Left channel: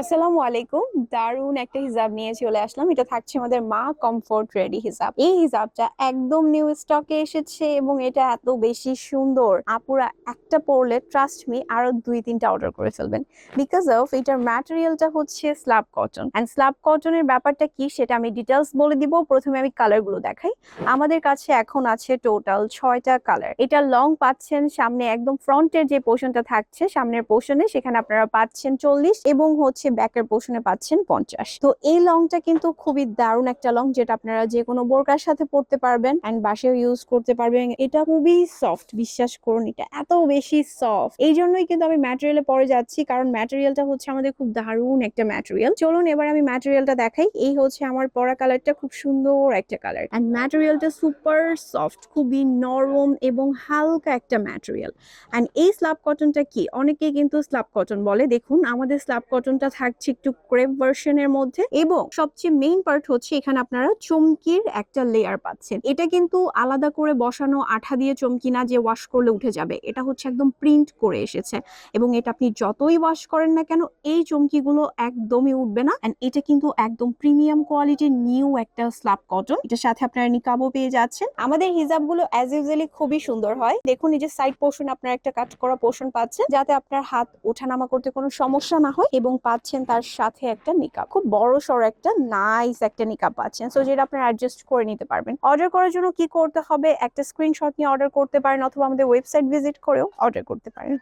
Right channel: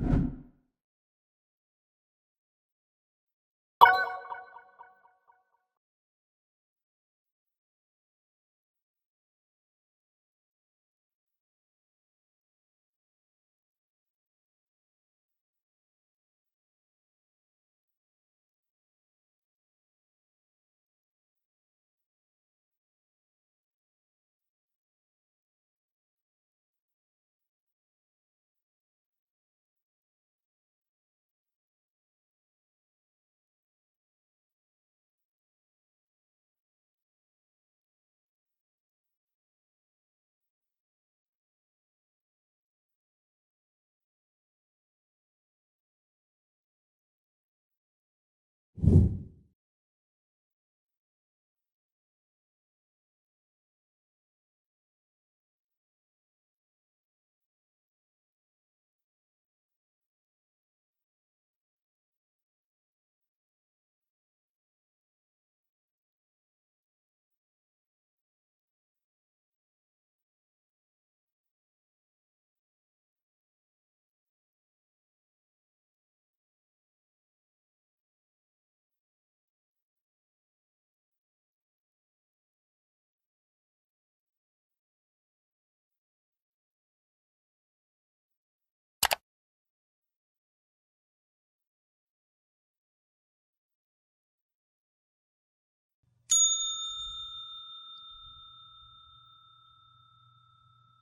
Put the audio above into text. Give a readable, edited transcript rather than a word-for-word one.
আসসালামু আলাইকুম। দারুন একটা হিজাব নিয়ে চলে আসলাম। এটা থাকছে আমাদের মা কমফোর্ট রেডি হিজাব। এই হিজাবটা একদম নিউ স্টকে এসেছে এবং এটা এত বেশি সুন্দর। আপুরা একটা পরলে ট্রাস্ট মি আরো ২-৩টা অর্ডার করে ফেলবেন। বিকজ অফ এটার ম্যাটেরিয়ালটা হচ্ছে স্ল্যাব কটন। এন্ড স্ল্যাব কটনের ব্যাপারটা কি সেটা আমি ডিটেইলস বলে দিব। প্রথমে আমি কালার গুলো দেখাই। আমাদের কাছে এখন আছে টোটাল ৬টা কালার। এটা লং পাচ্ছেন সামনে একদম ফ্রন্টের যে পোর্শনটা থাকছে সামনের পোর্শনে সেখানে আপনারা পাচ্ছেন ৪০ এবং হচ্ছে ব্যাকের পোর্শনে পাচ্ছেন ৫০। তো এই লংটা কিন্তু খুবই দারুণ একটা লং যেটা আপনারা যে কোনো বোরকার সাথে পরতে পারবেন এন্ড বাসায় ইউজ করতে পারবেন। এটা খুবই সফট, বিশ্বাস করুন এটা এত বেশি সফট। এই জন্যই কিন্তু আমি ম্যাটেরিয়ালে পরে যাচ্ছি, কারণ ম্যাটেরিয়ালটা হচ্ছে আমাদের খুব দারুণ একটা ম্যাটেরিয়াল। চলুন এবার আমি ম্যাটেরিয়ালটা দেখাই। এই হচ্ছে আমার পরা কালারটা, খুব সুন্দর একটা কালার এন্ড ম্যাটেরিয়ালটা সুপার সফট, খুবই নরম এবং হালকা একটা ম্যাটেরিয়াল। এন্ড এই স্ল্যাব কটনটা কি, অনেকেই কিন্তু স্ল্যাব কটন বলে। দেখুন আমাদের স্ল্যাব কটনটা থাকছে একটু ক্রেপ ভার্সনের মধ্যে এবং সবচেয়ে মেইন পার্ট হচ্ছে এখানে আপনারা চমকির একটা লেয়ার পাচ্ছেন। এটা কিন্তু আলাদা করে বসানো আঠা দিয়ে চমকি না যে ওয়াশ করলে উঠে যাবে, এটা হচ্ছে একদম প্রিন্ট করে এসেছে এবং এটা আপনি যতই ওয়াশ করেন না কেন এই চমকিগুলো একদমই উঠবে না। এন্ড এটা কিন্তু একদম প্রিমিয়াম কোয়ালিটির নিউ একটা স্ল্যাব কটন। এটার সাথে আপনারা নিকাবও পেয়ে যাচ্ছেন। আমাদের হিজাবগুলো অ্যাজ ইউজুয়ালি খুবই সুন্দর হয়। দেখুন এই যে সাইড পোর্শন আপনারা একটা কাট করা পোর্শন পাচ্ছেন যাতে আপনার হাত ওঠানামা করতে কোনো সমস্যা না হয় এবং পাচ্ছেন তার সাথে একটা নিকাব, খুব বড় সড় একটা নাইস একটা নিকাব পাচ্ছেন। সো যেটা আপনারা অ্যাডজাস্ট করে নিতে পারবেন। অর্ডার করার জন্য কি করতে হবে, একটা স্ক্রিনশট নিয়ে অর্ডার করতে পারেন অথবা আমাদের ওয়েবসাইট ভিজিট করেও অর্ডার করতে পারেন।